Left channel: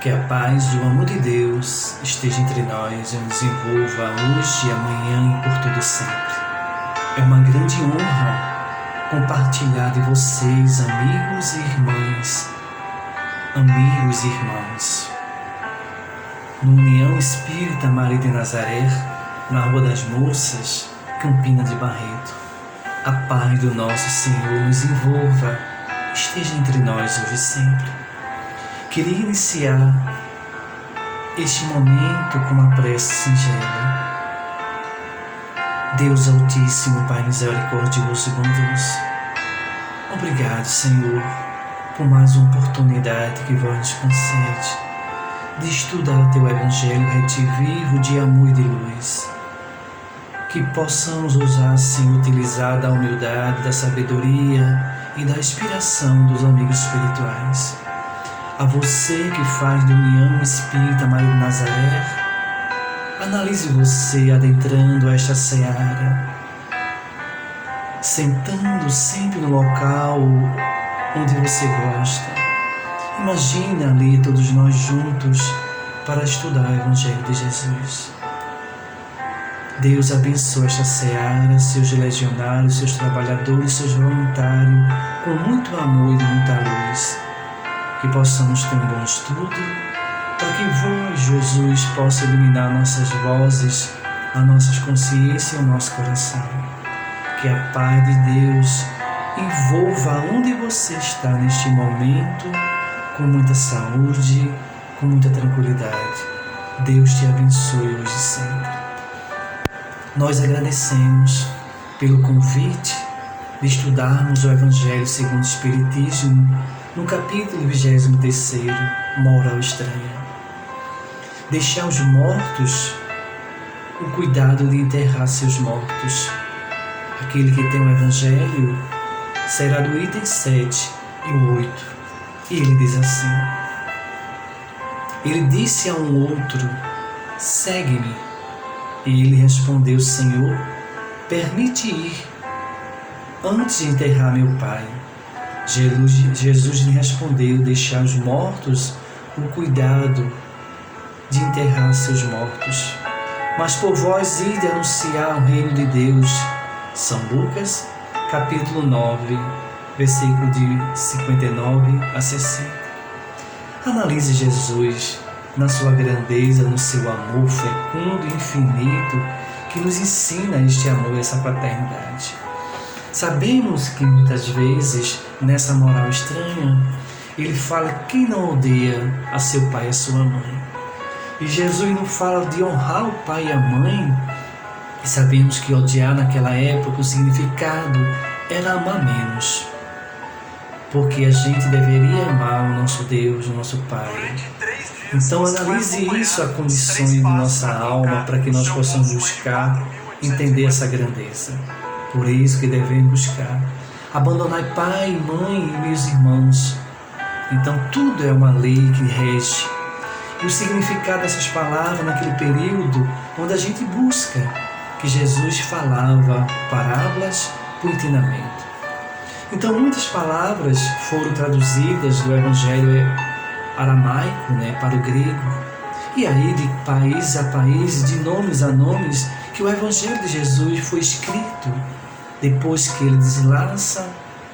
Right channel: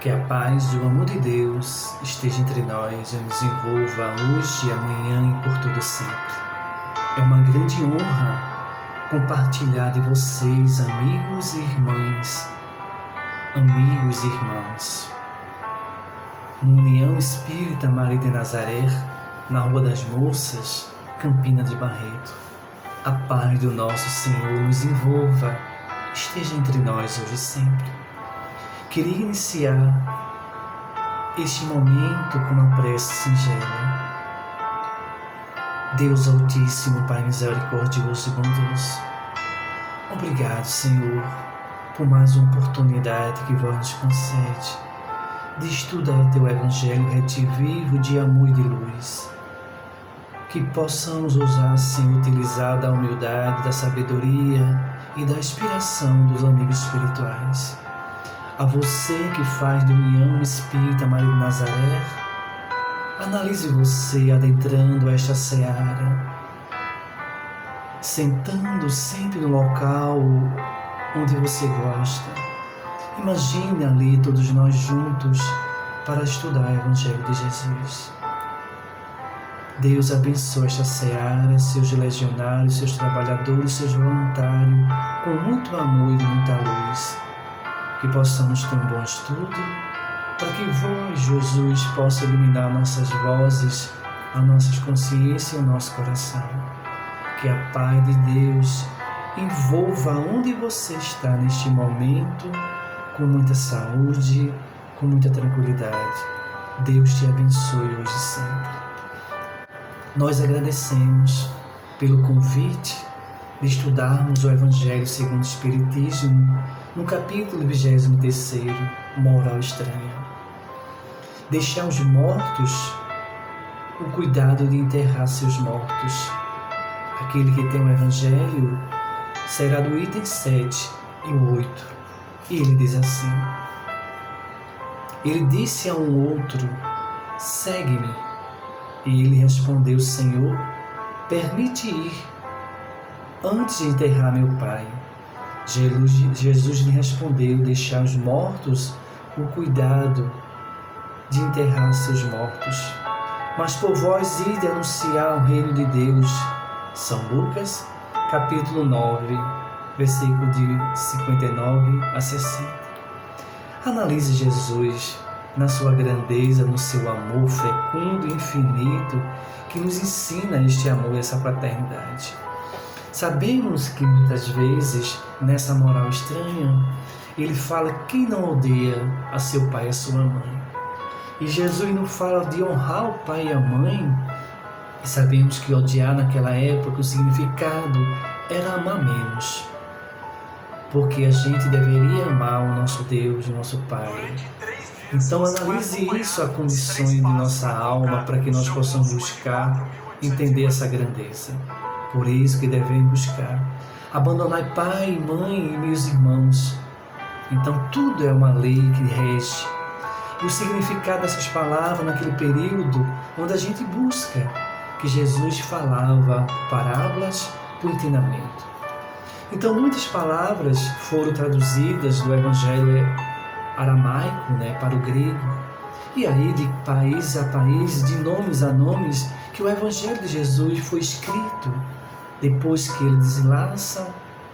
Que a paz e o amor de Deus esteja entre nós e nos envolva hoje, amanhã e por todo sempre. É uma grande honra compartilhar de vocês, amigos e irmãs, amigos e irmãos, no União Espírita Maria de Nazaré, na Rua das Moças, Campina de Barreto. A paz do nosso Senhor nos envolva, esteja entre nós hoje e sempre. Queria iniciar este momento com uma prece singela. Deus Altíssimo, Pai misericordioso e bondoso, obrigado, Senhor, por mais uma oportunidade que vós nos concede de estudar Teu Evangelho retivivo de amor e de luz. Que possamos ousar, assim, utilizar da humildade, da sabedoria e da inspiração dos amigos espirituais. A você que faz da União Espírita Maria de Nazaré, analise você adentrando esta seara, sentando sempre no local onde você gosta. Imagine ali todos nós juntos para estudar o Evangelho de Jesus. Deus abençoe esta seara, seus legionários, seus trabalhadores, seus voluntários, com muito amor e muita luz. Que possamos ter um bom estudo, para que vós, Jesus, possa iluminar nossas vozes, as nossas consciências e o nosso coração. Que a paz de Deus envolva onde você está neste momento, com muita saúde, com muita tranquilidade. Deus te abençoe hoje e sempre. Nós agradecemos pelo convite de estudarmos o Evangelho segundo o Espiritismo, no capítulo 23, Moral Estranha. Deixar os mortos, o cuidado de enterrar seus mortos. Aquele que tem o Evangelho será do item 7 e o 8. E ele diz assim: ele disse a um outro: segue-me. E ele respondeu: Senhor, permite ir antes de enterrar meu pai. Jesus lhe respondeu: deixar os mortos o cuidado de enterrar seus mortos. Mas por vós ide anunciar o reino de Deus. São Lucas, capítulo 9, versículo de 59 a 60. Analise Jesus na sua grandeza, no seu amor fecundo e infinito, que nos ensina este amor e essa fraternidade. Sabemos que muitas vezes, nessa moral estranha, ele fala quem não odeia a seu pai e a sua mãe. E Jesus não fala de honrar o pai e a mãe. E sabemos que odiar naquela época, o significado era amar menos. Porque a gente deveria amar o nosso Deus, o nosso Pai. Então analise isso, a condição de nossa alma, para que nós possamos buscar entender essa grandeza. Por isso que devemos buscar abandonar pai, mãe e meus irmãos. Então tudo é uma lei que rege. E o significado dessas palavras naquele período onde a gente busca, que Jesus falava parábolas por ensinamento. Então muitas palavras foram traduzidas do Evangelho aramaico, para o grego. E aí de país a país, de nomes a nomes, que o Evangelho de Jesus foi escrito depois que ele deslaça,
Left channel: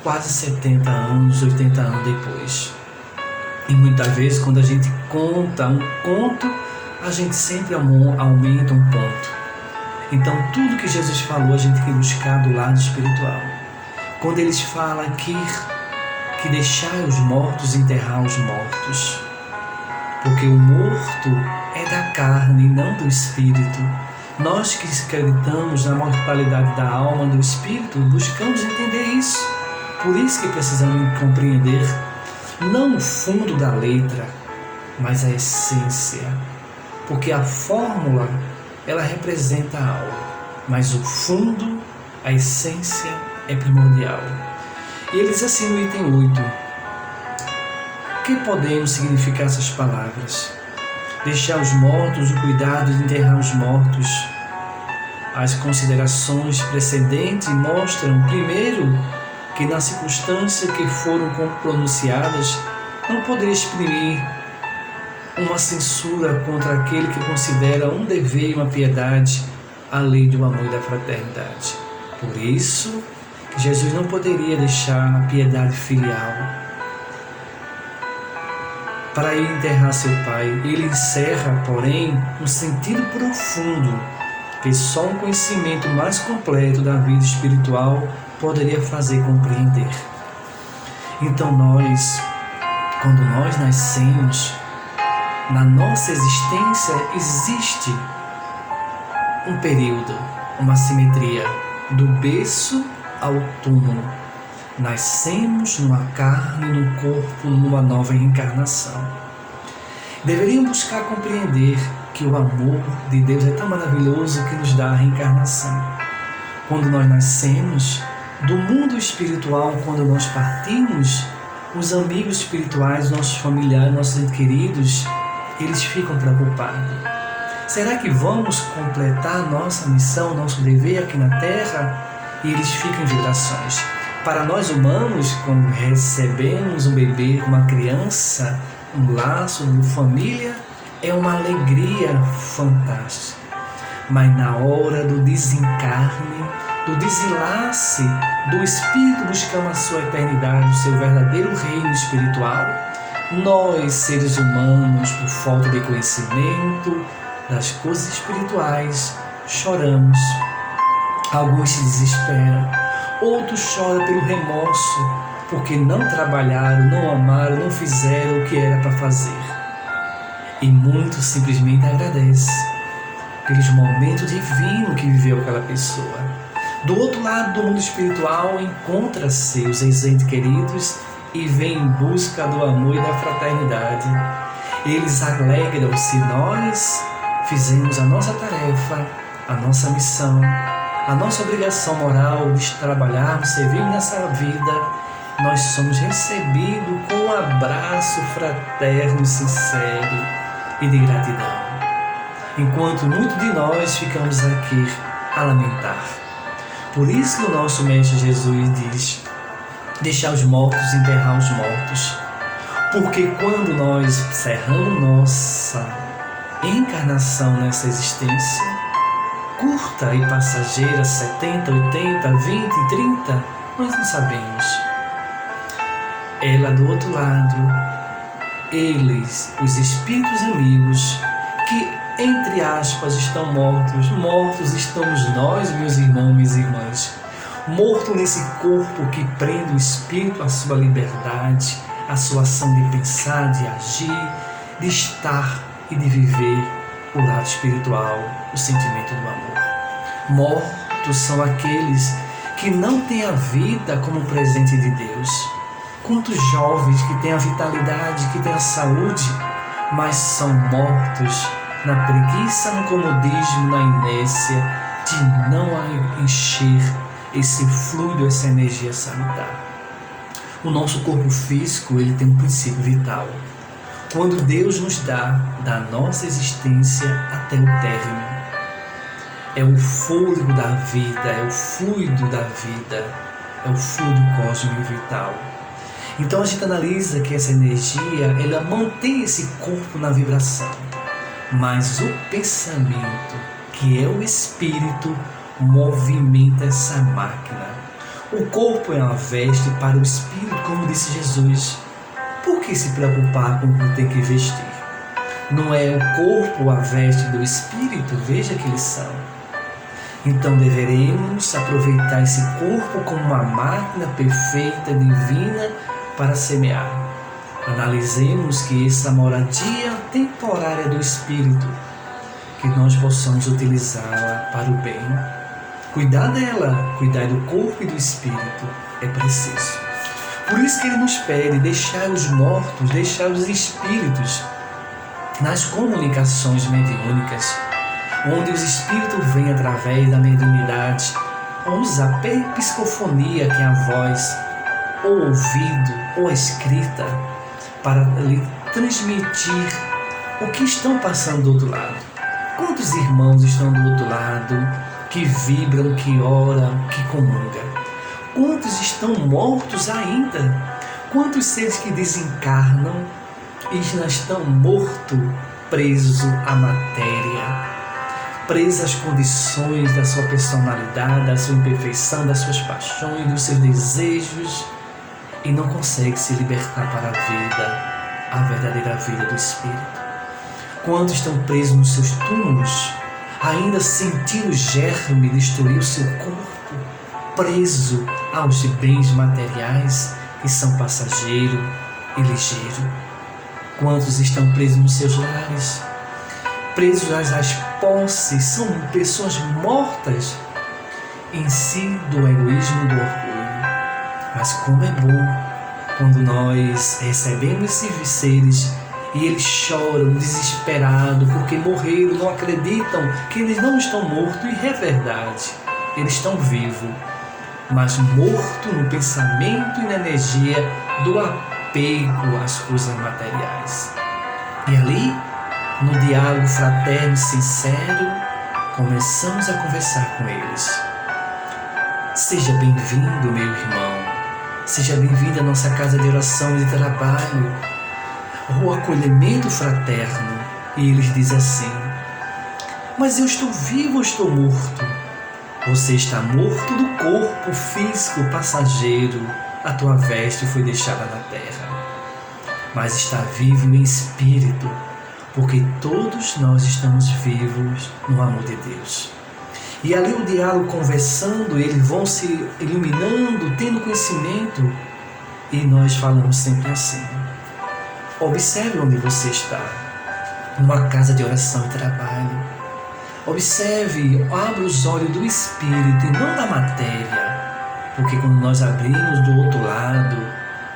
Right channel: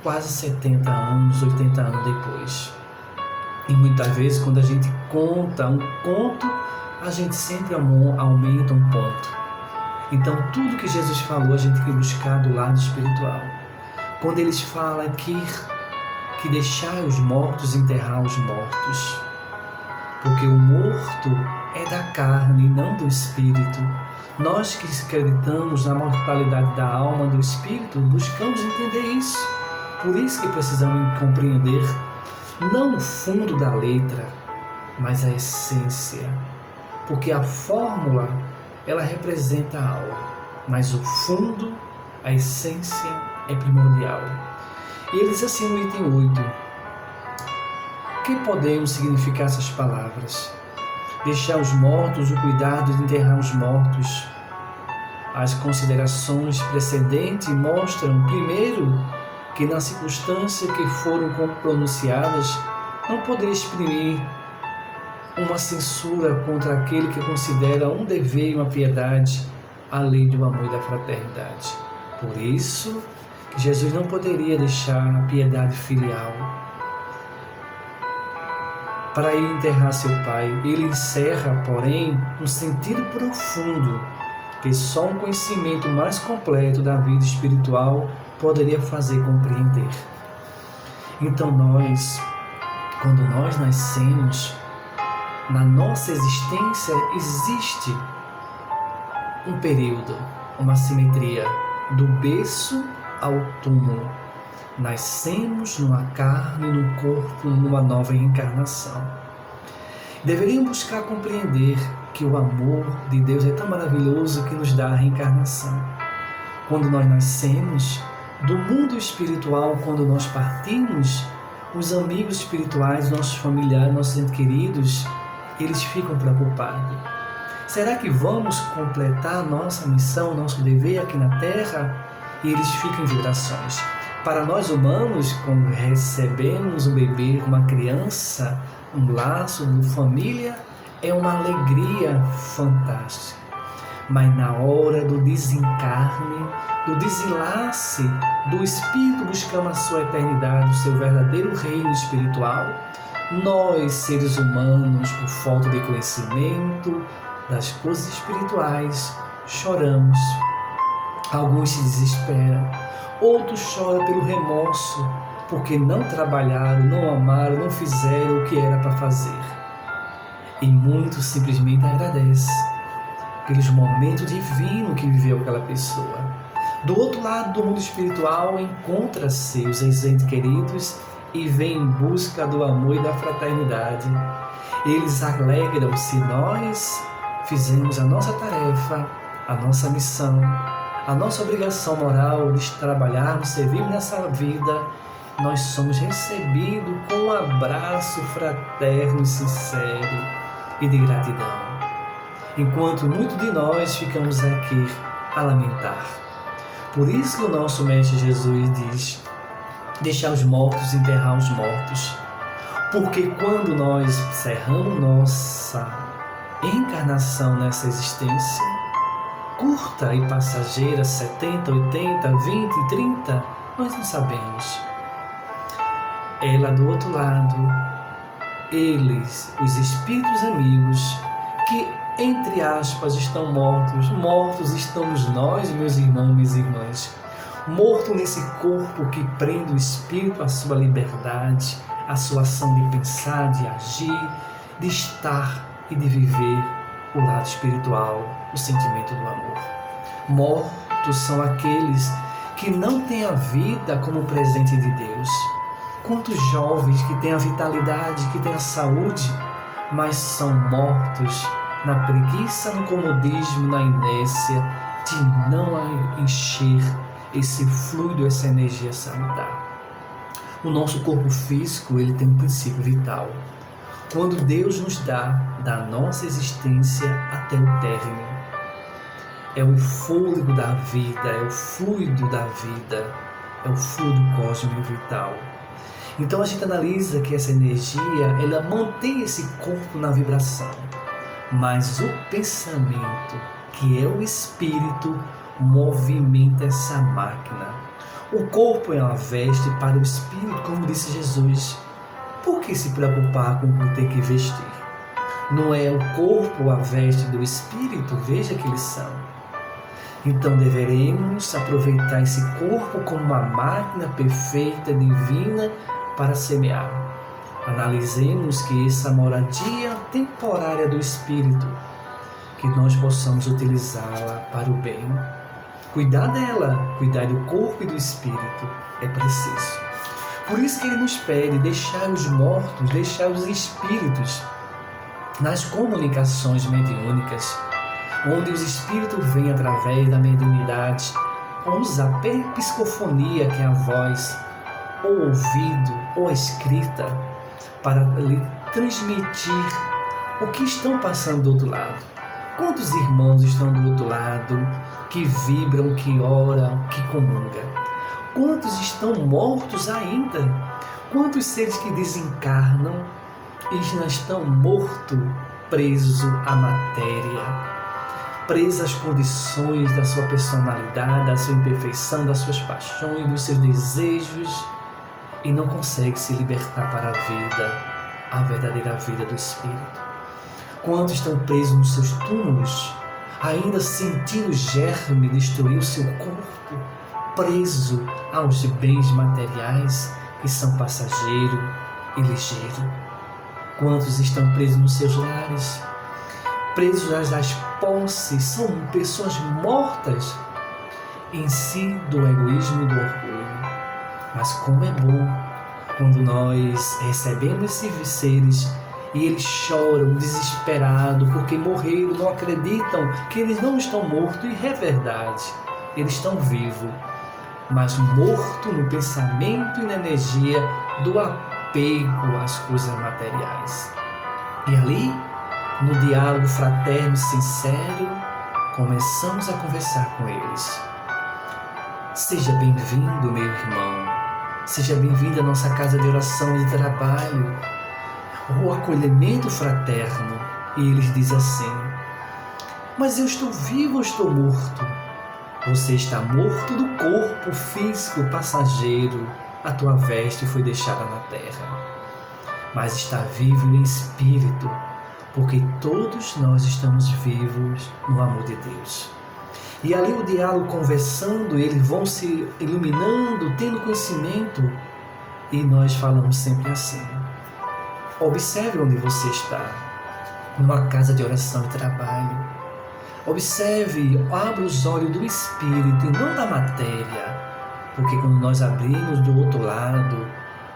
quase 70 anos, 80 anos depois. E muitas vezes, quando a gente conta um conto, a gente sempre aumenta um ponto. Então, tudo que Jesus falou, a gente tem que buscar do lado espiritual. Quando eles falam aqui que deixar os mortos enterrar os mortos, porque o morto é da carne e não do espírito. Nós que acreditamos na mortalidade da alma e do espírito, buscamos entender isso. Por isso que precisamos compreender não o fundo da letra, mas a essência. Porque a fórmula, ela representa a alma, mas o fundo, a essência, é primordial. E ele diz assim no item 8: que podemos significar essas palavras? Deixar os mortos, o cuidado de enterrar os mortos. As considerações precedentes mostram, primeiro, que na circunstância que foram pronunciadas, não poderia exprimir uma censura contra aquele que considera um dever e uma piedade a lei do amor e da fraternidade. Por isso que Jesus não poderia deixar a piedade filial para ir enterrar seu pai. Ele encerra, porém, um sentido profundo que só um conhecimento mais completo da vida espiritual poderia fazer compreender. Então quando nós nascemos, na nossa existência existe um período, uma simetria, do berço ao túmulo. Nascemos numa carne, num corpo, numa nova reencarnação. Deveríamos buscar compreender que o amor de Deus é tão maravilhoso que nos dá a reencarnação. Quando nós nascemos, do mundo espiritual, quando nós partimos, os amigos espirituais, nossos familiares, nossos entes queridos, eles ficam preocupados. Será que vamos completar nossa missão, nosso dever aqui na Terra? E eles ficam em vibrações. Para nós humanos, quando recebemos um bebê, uma criança, um laço de família, é uma alegria fantástica. Mas na hora do desencarne, do desenlace do espírito buscando a sua eternidade, o seu verdadeiro reino espiritual, nós, seres humanos, por falta de conhecimento das coisas espirituais, choramos. Alguns se desesperam, outros choram pelo remorso, porque não trabalharam, não amaram, não fizeram o que era para fazer. E muitos simplesmente agradecem pelos momentos divinos que viveu aquela pessoa. Do outro lado do mundo espiritual, encontra-se os entes queridos e vem em busca do amor e da fraternidade. Eles alegram-se, nós fizemos a nossa tarefa, a nossa missão, a nossa obrigação moral de trabalharmos, servirmos nessa vida. Nós somos recebidos com um abraço fraterno, sincero e de gratidão. Enquanto muitos de nós ficamos aqui a lamentar. Por isso que o nosso Mestre Jesus diz: deixar os mortos enterrar os mortos. Porque quando nós encerramos nossa encarnação nessa existência, curta e passageira, 70, 80, 20, 30, nós não sabemos. Ela do outro lado, eles, os espíritos amigos, que entre aspas estão mortos, mortos estamos nós, meus irmãos, minhas irmãs, morto nesse corpo que prende o espírito à sua liberdade, à sua ação de pensar, de agir, de estar e de viver o lado espiritual, o sentimento do amor. Mortos são aqueles que não têm a vida como presente de Deus. Quantos jovens que têm a vitalidade, que têm a saúde, mas são mortos na preguiça, no comodismo, na inércia de não encher esse fluido, essa energia sanitária. O nosso corpo físico, ele tem um princípio vital. Quando Deus nos dá da nossa existência até o término, é o fôlego da vida, é o fluido da vida, é o fluido cósmico vital. Então a gente analisa que essa energia, ela mantém esse corpo na vibração, mas o pensamento, que é o espírito, movimenta essa máquina. O corpo é uma veste para o espírito, como disse Jesus. Por que se preocupar com o que tem que vestir? Não é o corpo a veste do espírito? Veja que eles são. Então deveremos aproveitar esse corpo como uma máquina perfeita, divina, para semear. Analisemos que essa moradia temporária do espírito, que nós possamos utilizá-la para o bem. Cuidar dela, cuidar do corpo e do espírito é preciso. Por isso que ele nos pede deixar os mortos, deixar os espíritos nas comunicações mediúnicas, onde os espíritos vêm através da mediunidade, usa a psicofonia, que é a voz, ou ouvido, ou a escrita, para lhe transmitir o que estão passando do outro lado. Quantos irmãos estão do outro lado, que vibram, que oram, que comungam? Quantos estão mortos ainda? Quantos seres que desencarnam, e estão morto, preso à matéria, preso às condições da sua personalidade, da sua imperfeição, das suas paixões, dos seus desejos, e não consegue se libertar para a vida, a verdadeira vida do Espírito. Quantos estão presos nos seus túmulos, ainda sentindo o germe destruir o seu corpo, preso aos bens materiais que são passageiro e ligeiro. Quantos estão presos nos seus lares, presos às posses, são pessoas mortas em si do egoísmo e do orgulho. Mas como é bom quando nós recebemos esses seres e eles choram desesperados porque morreram, não acreditam que eles não estão mortos, e é verdade, eles estão vivos, mas mortos no pensamento e na energia do apego às coisas materiais. E ali, no diálogo fraterno e sincero, começamos a conversar com eles. Seja bem-vindo, meu irmão. Seja bem-vindo à nossa casa de oração e de trabalho, o acolhimento fraterno. E eles dizem assim: mas eu estou vivo ou estou morto? Você está morto do corpo físico passageiro, a tua veste foi deixada na terra. Mas está vivo em espírito, porque todos nós estamos vivos no amor de Deus. E ali o diálogo, conversando, eles vão se iluminando, tendo conhecimento. E nós falamos sempre assim: observe onde você está, numa casa de oração e trabalho. Observe, abra os olhos do Espírito e não da matéria. Porque quando nós abrimos do outro lado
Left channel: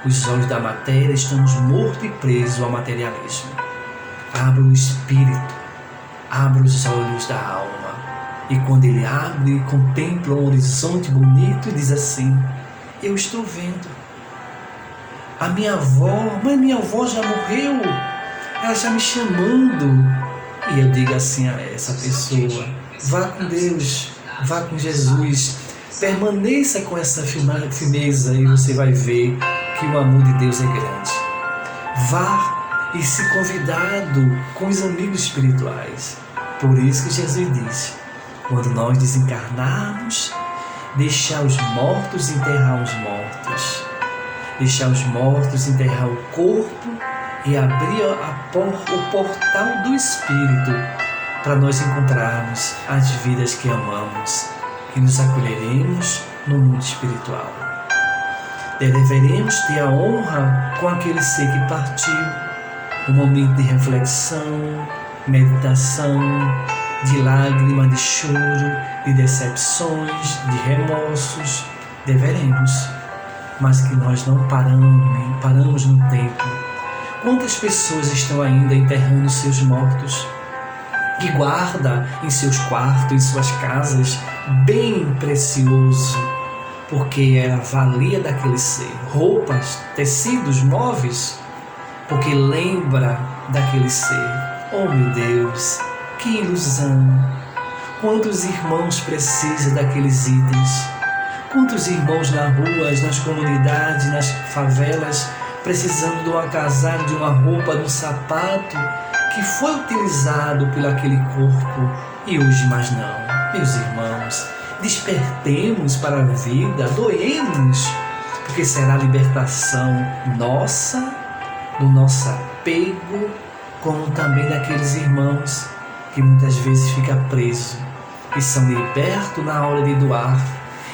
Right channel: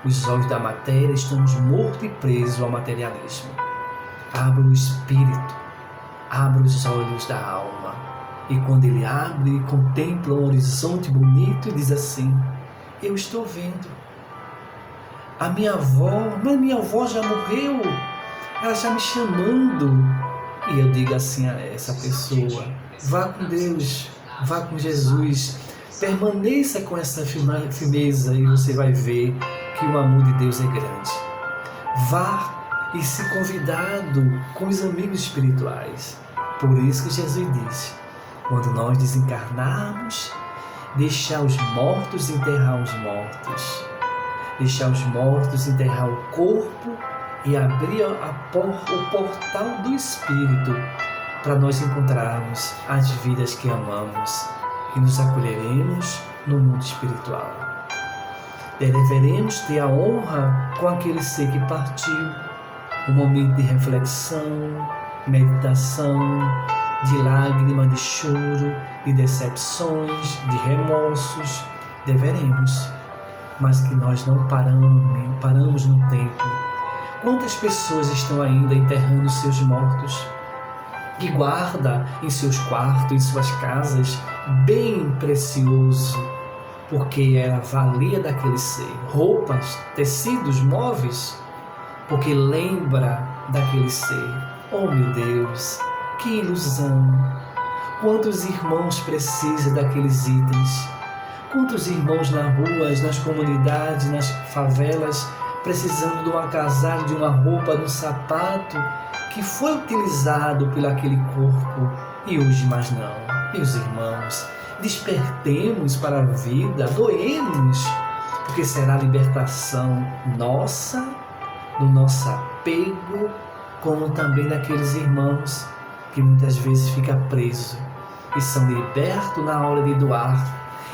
os olhos da matéria, estamos mortos e presos ao materialismo. Abra o Espírito, abra os olhos da alma. E quando ele abre, contempla um horizonte bonito e diz assim: eu estou vendo. A minha avó, mas minha avó já morreu, ela está me chamando. E eu digo assim a essa pessoa: vá com Deus, vá com Jesus, permaneça com essa firmeza e você vai ver que o amor de Deus é grande. Vá e se convidado com os amigos espirituais. Por isso que Jesus disse: quando nós desencarnarmos, deixar os mortos enterrar os mortos. Deixar os mortos enterrar o corpo e abrir o portal do Espírito para nós encontrarmos as vidas que amamos e nos acolheremos no mundo espiritual. Deveremos ter a honra com aquele ser que partiu, um momento de reflexão, meditação, de lágrima, de choro, de decepções, de remorsos. Deveremos, mas que nós não paramos no tempo. Quantas pessoas estão ainda enterrando seus mortos, que guarda em seus quartos, em suas casas, bem precioso, porque era a valia daquele ser, roupas, tecidos, móveis, porque lembra daquele ser. Oh meu Deus, que ilusão! Quantos irmãos precisam daqueles itens? Quantos irmãos nas ruas, nas comunidades, nas favelas, precisando de um agasalho, de uma roupa, de um sapato que foi utilizado por aquele corpo e hoje mais não. Meus irmãos, despertemos para a vida, doemos, porque será a libertação nossa, do nosso apego, como também daqueles irmãos que muitas vezes ficam presos e são libertos na hora de doar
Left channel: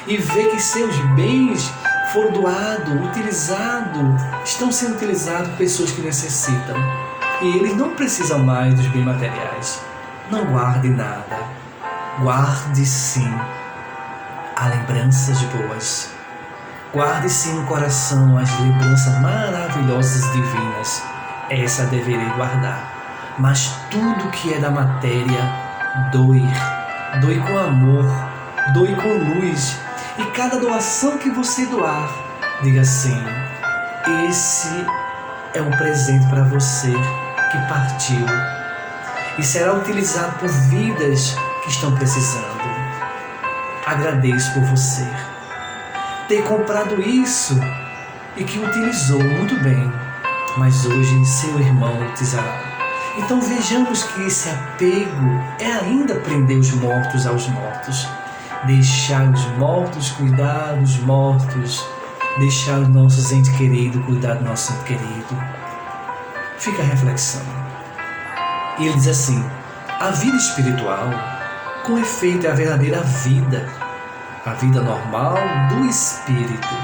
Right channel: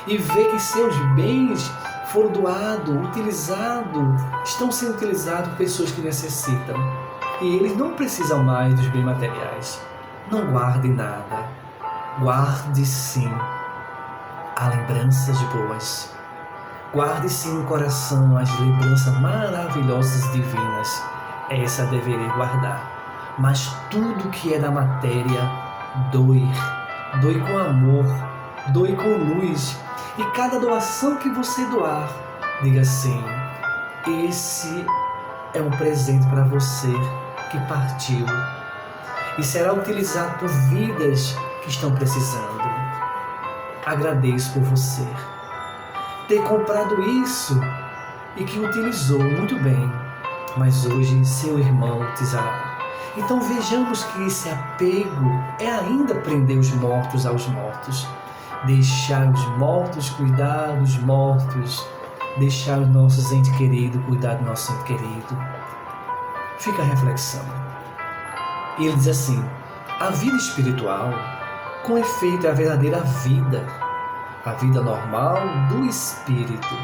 e vê que seus bens foram doados, utilizados, estão sendo utilizados por pessoas que necessitam. E eles não precisam mais dos bens materiais. Não guarde nada. Guarde sim as lembranças boas. Guarde sim no coração as lembranças maravilhosas divinas. Essa deverei guardar. Mas tudo que é da matéria, doe. Doe com amor, doe com luz. E cada doação que você doar, diga assim: esse é um presente para você que partiu e será utilizado por vidas que estão precisando. Agradeço por você ter comprado isso e que utilizou muito bem. mas hoje seu irmão te usará. Então vejamos que esse apego é ainda prender os mortos aos mortos, deixar os mortos cuidar dos mortos, deixar os nossos entes queridos cuidar do nosso ente querido. Fica a reflexão. E ele diz assim: a vida espiritual, com efeito, é a verdadeira vida, a vida normal do espírito.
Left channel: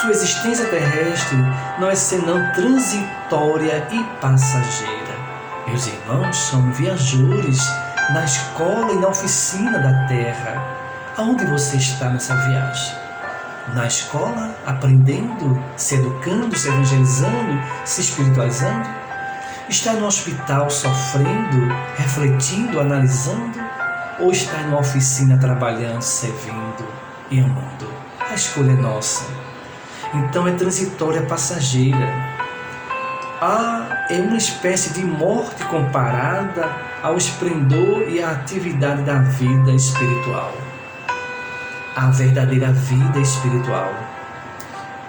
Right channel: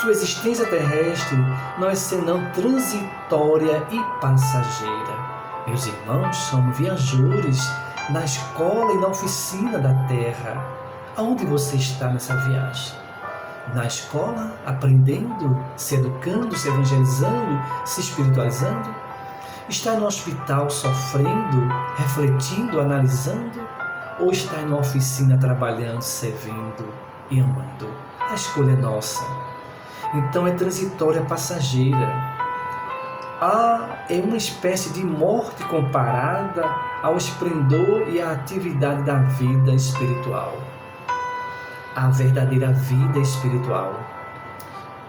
Sua existência terrestre não é senão transitória e passageira. Meus irmãos, somos viajores na escola e na oficina da terra. Aonde você está nessa viagem? Na escola, aprendendo, se educando, se evangelizando, se espiritualizando? Está no hospital sofrendo, refletindo, analisando? Ou está em uma oficina trabalhando, servindo e amando? A escolha é nossa. Então é transitória, passageira. É uma espécie de morte comparada ao esplendor e à atividade da vida espiritual. A verdadeira vida espiritual.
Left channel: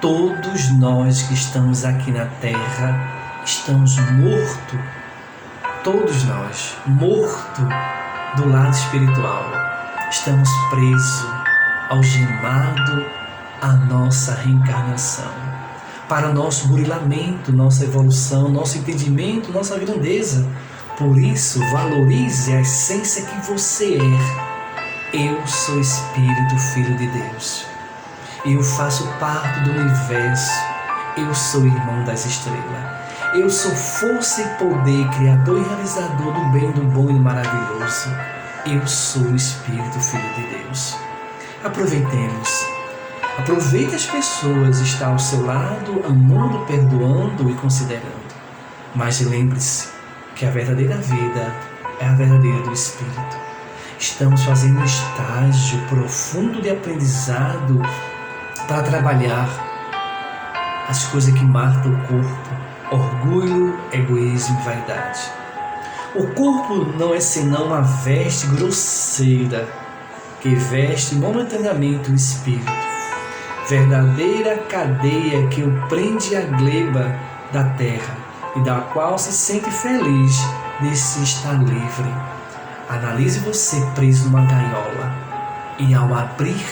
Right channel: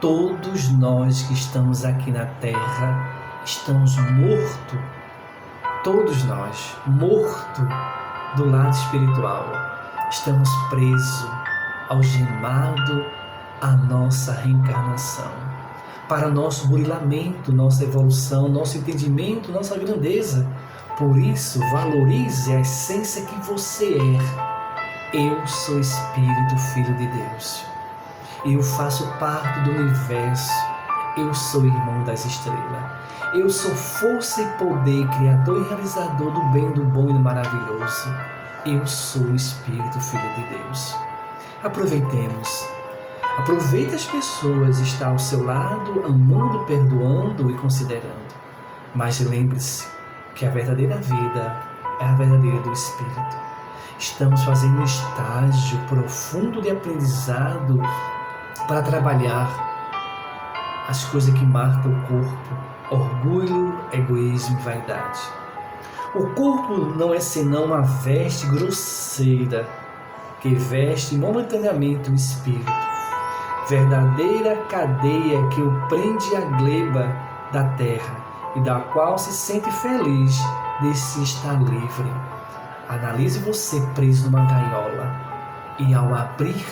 Todos nós que estamos aqui na Terra estamos mortos, todos nós, mortos do lado espiritual. Estamos presos, algemados à nossa reencarnação, para nosso burilamento, nossa evolução, nosso entendimento, nossa grandeza. Por isso, valorize a essência que você é. Eu sou Espírito, Filho de Deus. Eu faço parte do universo. Eu sou irmão das estrelas. Eu sou força e poder, criador e realizador do bem, do bom e do maravilhoso. Eu sou o Espírito, Filho de Deus. Aproveitemos. Aproveite as pessoas, está ao seu lado, amando, perdoando e considerando. Mas lembre-se que a verdadeira vida é a verdadeira do Espírito. Estamos fazendo um estágio profundo de aprendizado para trabalhar as coisas que matam o corpo. Orgulho, egoísmo e vaidade. O corpo não é senão uma veste grosseira que veste momentaneamente o espírito. Verdadeira cadeia que o prende à gleba da terra e da qual se sente feliz de se estar livre. Analise você preso numa gaiola e ao abrir,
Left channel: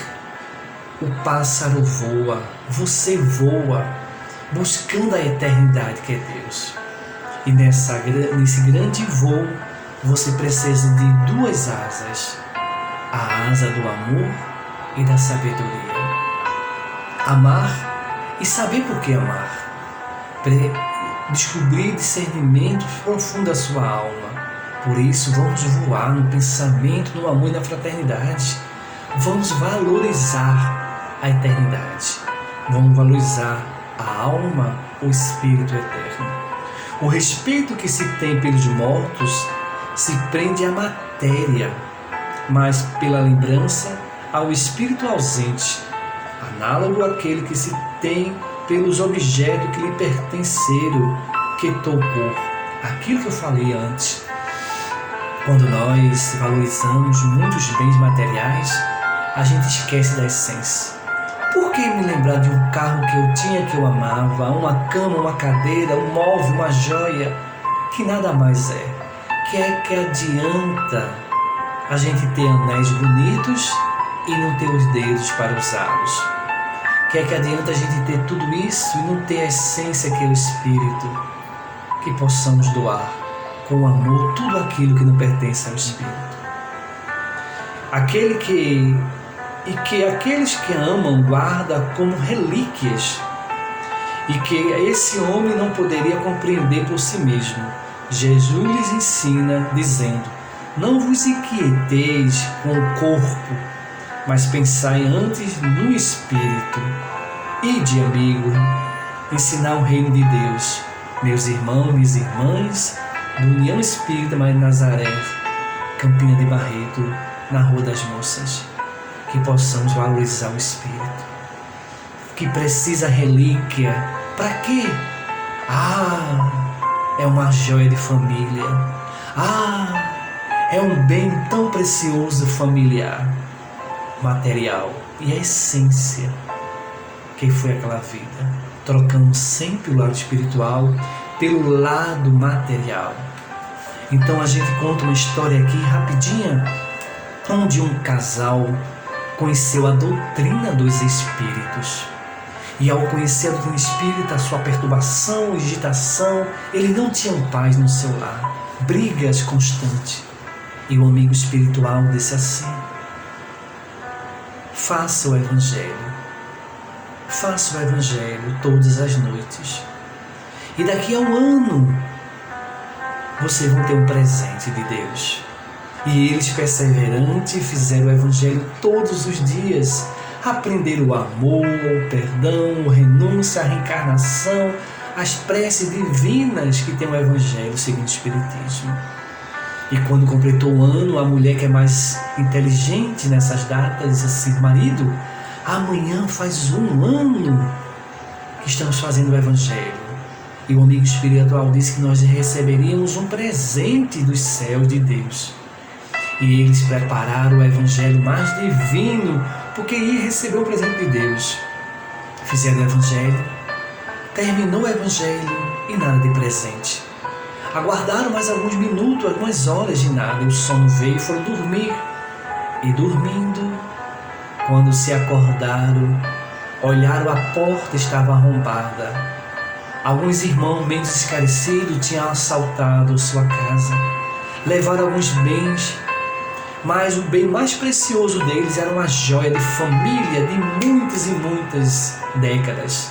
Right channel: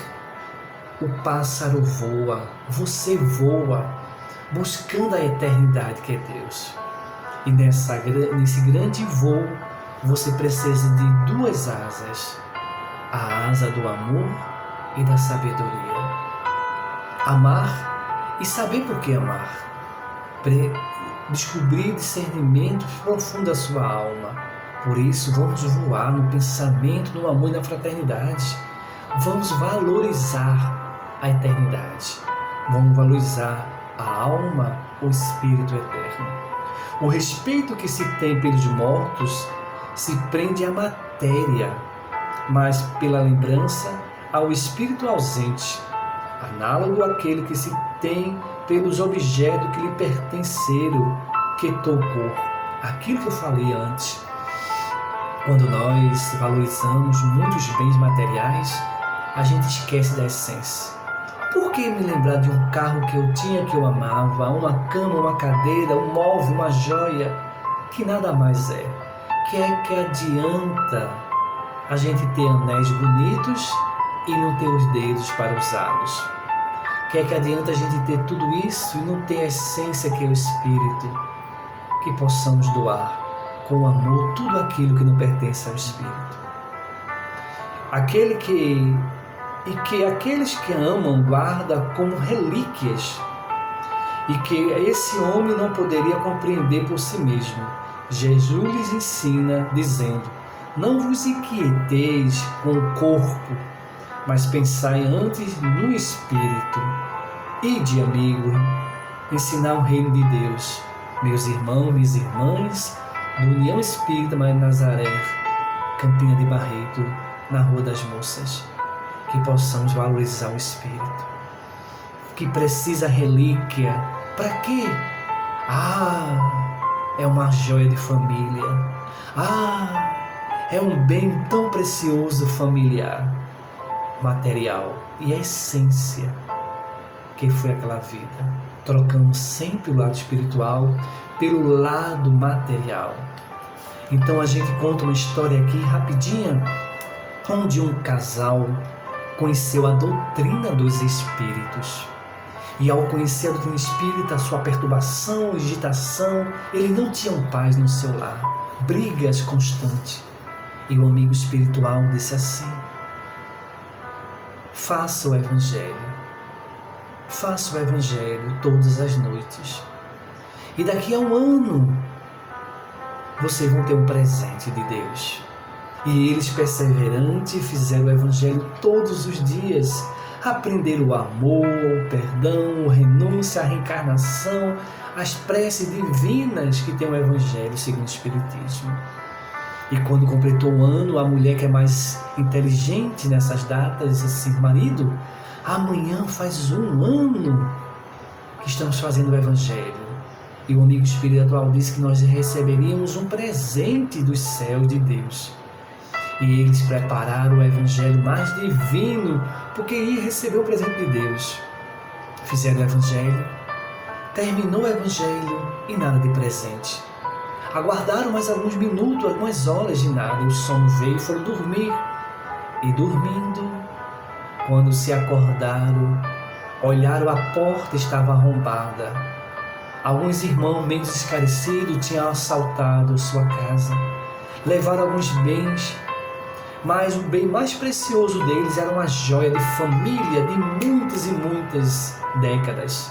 o pássaro voa, você voa, buscando a eternidade que é Deus. E nesse grande voo, você precisa de duas asas, a asa do amor e da sabedoria. Amar e saber por que amar. Descobrir discernimento profundo da sua alma. Por isso, vamos voar no pensamento, no amor e na fraternidade. Vamos valorizar a eternidade. Vamos valorizar a alma, o espírito eterno. O respeito que se tem pelos mortos se prende à matéria, mas pela lembrança ao espírito ausente, análogo àquele que se tem pelos objetos que lhe pertenceram, que tocou. Aquilo que eu falei antes. Quando nós valorizamos muitos bens materiais, a gente esquece da essência. Por que me lembrar de um carro que eu tinha, que eu amava, uma cama, uma cadeira, um móvel, uma joia, que nada mais é? Que adianta a gente ter anéis bonitos e não ter os dedos para usá-los? Que adianta a gente ter tudo isso e não ter a essência que é o Espírito? Que possamos doar com amor tudo aquilo que não pertence ao Espírito. Aqueles que amam guardam como relíquias, e que esse homem não poderia compreender por si mesmo. Jesus lhes ensina, dizendo: não vos inquieteis com o corpo, mas pensai antes no Espírito. Ide, amigo, ensinar o reino de Deus. Meus irmãos, minhas irmãs, do União Espírita Maria de Nazaré, Campina de Barreto, na Rua das Moças. Que possamos valorizar o Espírito. Que precisa relíquia. Para quê? É uma joia de família. É um bem tão precioso familiar, material. E a essência que foi aquela vida. trocando sempre o lado espiritual pelo lado material. Então a gente conta uma história aqui rapidinha, onde um casal conheceu a doutrina dos espíritos. E ao conhecer a doutrina espírita, a sua perturbação, agitação, ele não tinha paz no seu lar, brigas constantes. E o amigo espiritual disse assim: faça o Evangelho todas as noites. E daqui a um ano, vocês vão ter um presente de Deus. E eles, perseverantes, fizeram o Evangelho todos os dias. Aprenderam o amor, o perdão, a renúncia, a reencarnação, as preces divinas que tem o Evangelho segundo o Espiritismo. E quando completou o ano, a mulher que é mais inteligente nessas datas disse assim: marido, amanhã faz um ano que estamos fazendo o Evangelho. E o amigo espiritual disse que nós receberíamos um presente dos céus de Deus. E eles prepararam o Evangelho mais divino, porque ia receber o presente de Deus. Fizeram o Evangelho, terminou o Evangelho e nada de presente. Aguardaram mais alguns minutos, algumas horas de nada, e o sono veio e foram dormir. E dormindo, quando se acordaram, olharam, a porta estava arrombada. Alguns irmãos menos esclarecidos tinham assaltado sua casa, levaram alguns bens, mas o bem mais precioso deles era uma joia de família de muitas e muitas décadas.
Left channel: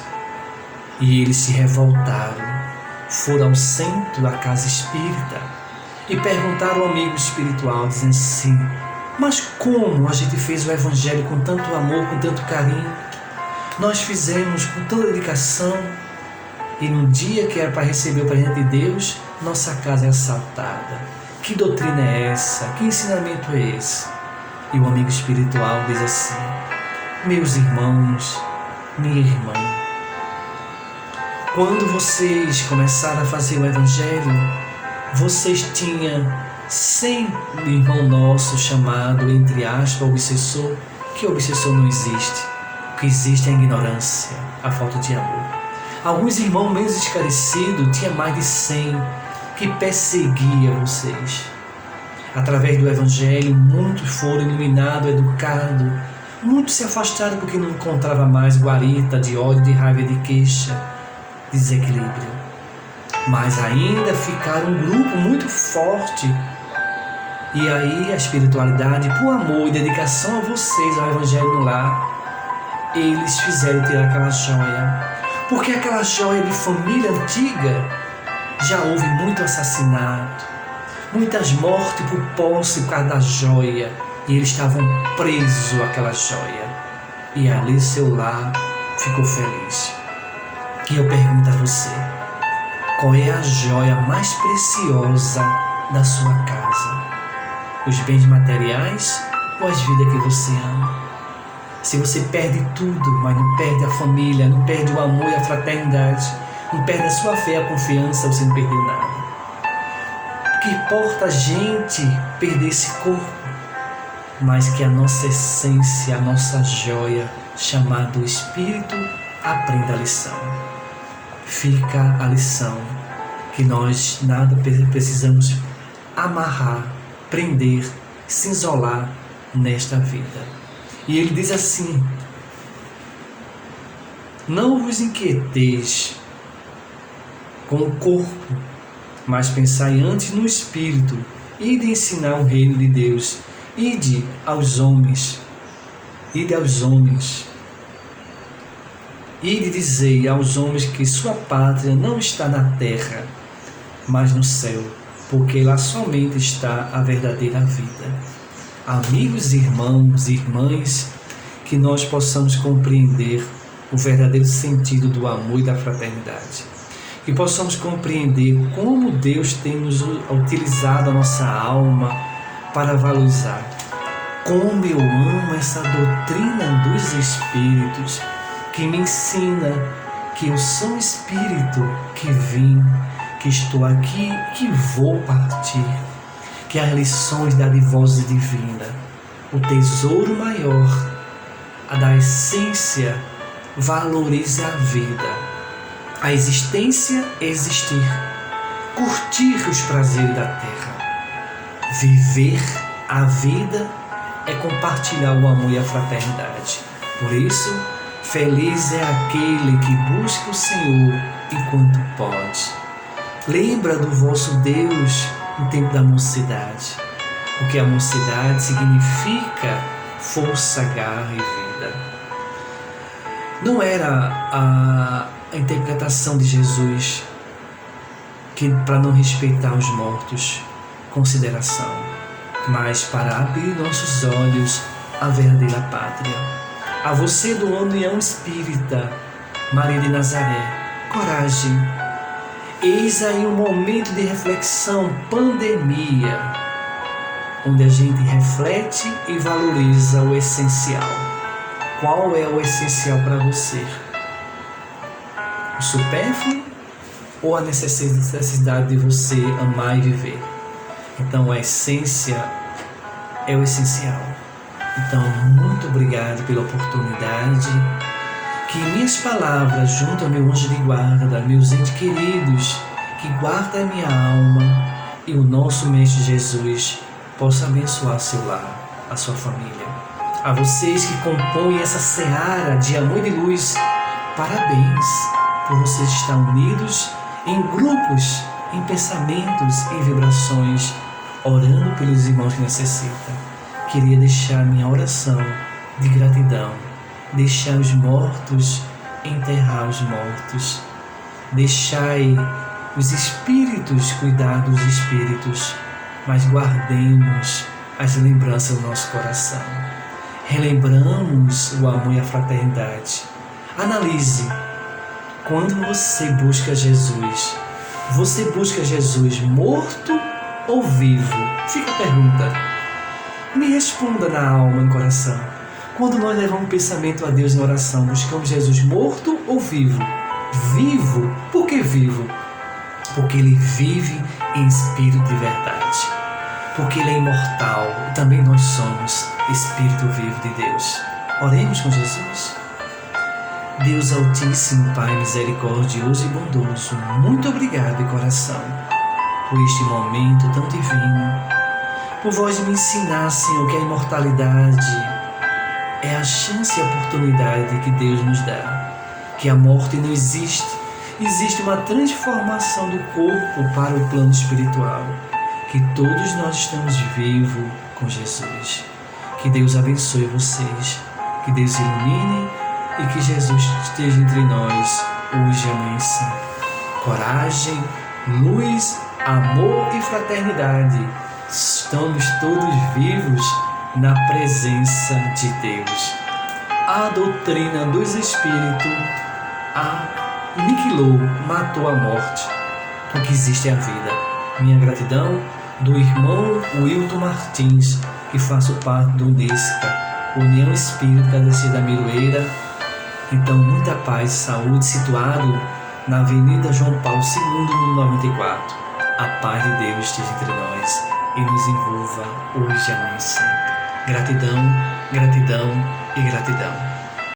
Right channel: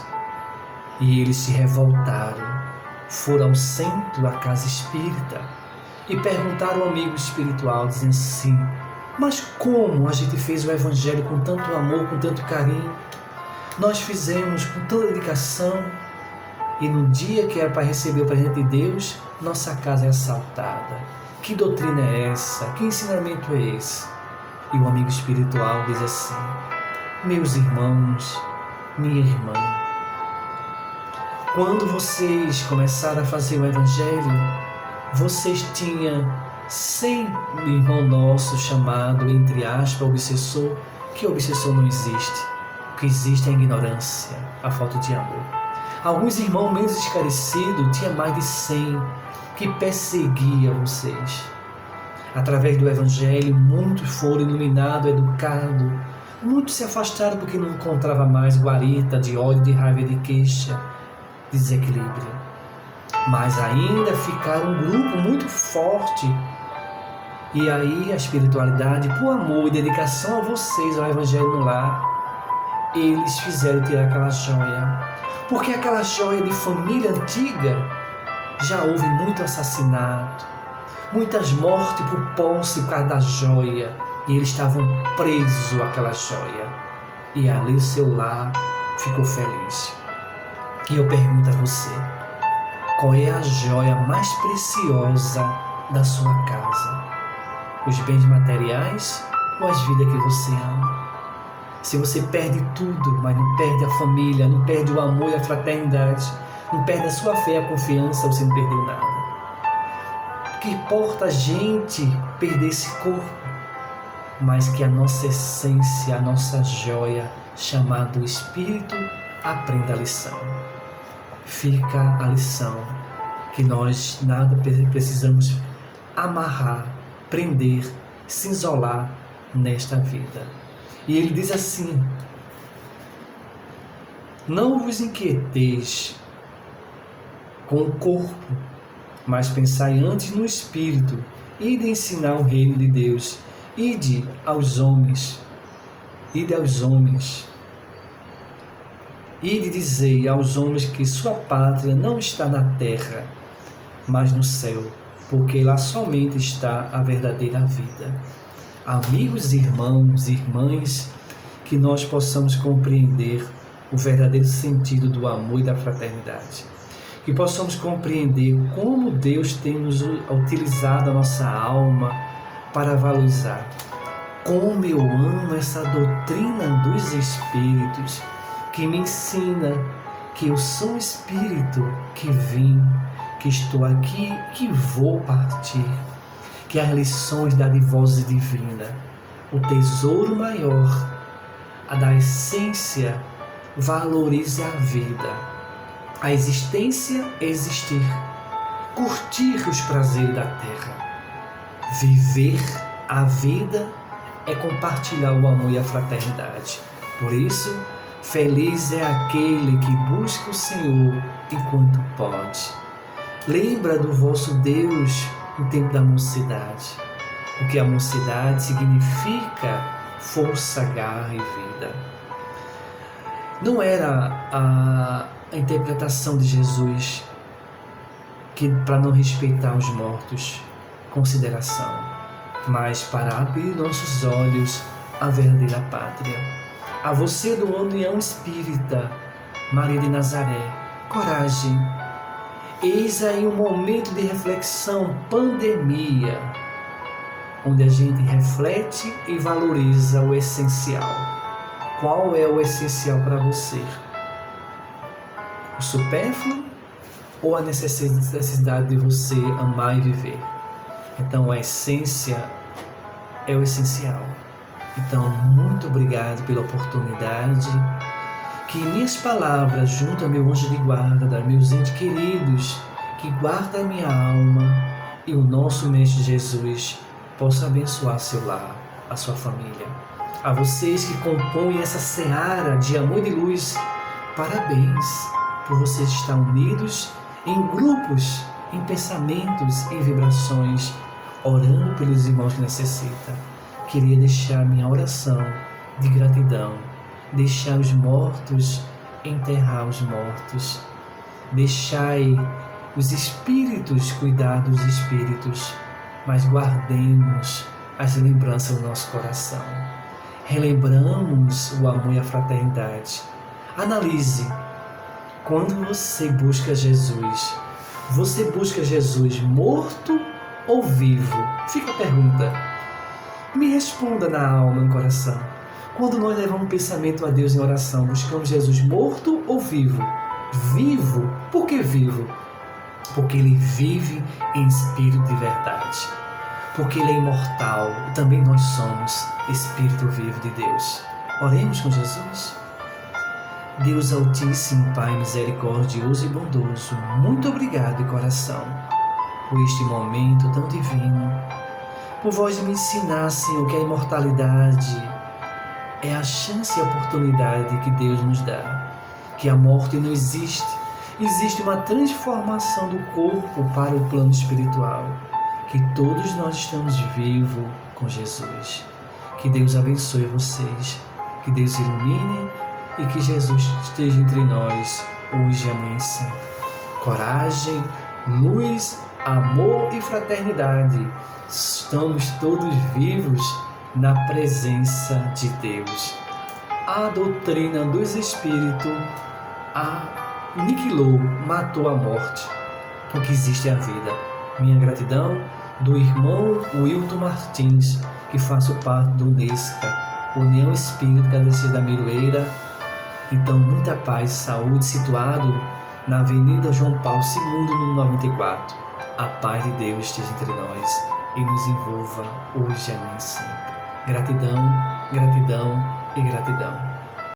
E eles se revoltaram, foram ao centro, à casa espírita, e perguntaram ao amigo espiritual, dizendo assim: mas como a gente fez o Evangelho com tanto amor, com tanto carinho? Nós fizemos com tanta dedicação, e no dia que era para receber o presente de Deus, nossa casa é assaltada. Que doutrina é essa? Que ensinamento é esse? E o amigo espiritual diz assim: meus irmãos, minha irmã, quando vocês começaram a fazer o Evangelho, vocês tinham 100 irmão nosso chamado, entre aspas, obsessor, que obsessor não existe. O que existe é a ignorância, a falta de amor. Alguns irmãos menos esclarecidos tinham mais de 100 que perseguia vocês. Através do Evangelho, muitos foram iluminados, educados. Muitos se afastaram porque não encontravam mais guarita de ódio, de raiva, de queixa, de desequilíbrio. Mas ainda ficaram um grupo muito forte. E aí a espiritualidade, por amor e dedicação a vocês, ao Evangelho no lar, eles fizeram tirar aquela joia. Porque aquela joia de família antiga, já houve muito assassinato, muitas mortes por posse por causa da joia, e eles estavam presos àquela joia, e ali seu lar ficou feliz. E eu pergunto a você: qual é a joia mais preciosa da sua casa? Os bens materiais ou as vidas que você ama? Se você perde tudo, mas não perde a família, não perde o amor e a fraternidade, não perde a sua fé e a confiança, você não perdeu nada. O que importa a gente perder esse corpo, mas que a nossa essência, a nossa joia, chamada Espírito, aprenda a lição. Fica a lição que nós nada precisamos amarrar, prender, se isolar nesta vida. E ele diz assim: não vos inquieteis com o corpo, mas pensai antes no Espírito, e de ensinar o reino de Deus. Ide aos homens, e dizei aos homens que sua pátria não está na terra, mas no céu, porque lá somente está a verdadeira vida. Amigos, irmãos e irmãs, que nós possamos compreender o verdadeiro sentido do amor e da fraternidade. Que possamos compreender como Deus tem nos utilizado a nossa alma para valorizar. Como eu amo essa doutrina dos Espíritos, que me ensina que eu sou um Espírito que vim, que estou aqui, que vou partir. Que as lições da divós divina, o tesouro maior, a da essência, valorize a vida, A existência é existir, curtir os prazeres da terra. Viver a vida é compartilhar o amor e a fraternidade. Por isso, feliz é aquele que busca o Senhor enquanto pode. Lembra do vosso Deus no tempo da mocidade, porque a mocidade significa força, garra e vida. Não era a interpretação de Jesus que para não respeitar os mortos, consideração, mas para abrir nossos olhos à verdadeira pátria. A você do União Espírita, Maria de Nazaré, coragem. Eis aí um momento de reflexão, pandemia, onde a gente reflete e valoriza o essencial. Qual é o essencial para você? O supérfluo ou a necessidade de você amar e viver? Então a essência é o essencial. Então, muito obrigado pela oportunidade. Que minhas palavras, junto ao meu anjo de guarda, meus entes queridos, que guarda a minha alma, e o nosso Mestre Jesus, possa abençoar seu lar, a sua família. A vocês que compõem essa seara de amor e de luz, parabéns por vocês estar unidos em grupos, em pensamentos, em vibrações, orando pelos irmãos que necessitam. Queria deixar minha oração de gratidão, deixar os mortos enterrar os mortos, deixai os espíritos cuidar dos espíritos, mas guardemos as lembranças do nosso coração. Relembramos o amor e a fraternidade. Analise, quando você busca Jesus morto ou vivo? Fica a pergunta. Me responda na alma e no coração. Quando nós levamos o pensamento a Deus em oração, buscamos Jesus morto ou vivo? Vivo. Por que vivo? Porque Ele vive em espírito de verdade. Porque Ele é imortal e também nós somos espírito vivo de Deus. Oremos com Jesus. Deus Altíssimo, Pai misericordioso e bondoso, muito obrigado de coração por este momento tão divino. Por vós me ensinar, Senhor, que a imortalidade é a chance e a oportunidade que Deus nos dá. Que a morte não existe. Existe uma transformação do corpo para o plano espiritual. Que todos nós estamos vivos com Jesus. Que Deus abençoe vocês. Que Deus ilumine e que Jesus esteja entre nós hoje e amanhã sim. Coragem, luz, amor e fraternidade. Estamos todos vivos na presença de Deus. A doutrina dos Espíritos aniquilou, matou a morte. O que existe é a vida. Minha gratidão do irmão Wilton Martins, que faço parte do UNESCA, União Espírita da Cidade da Miroeira. Então, muita paz e saúde, situado na Avenida João Paulo II, número 94. A paz de Deus esteja entre nós e nos envolva hoje e amanhã sempre. Gratidão, gratidão e gratidão.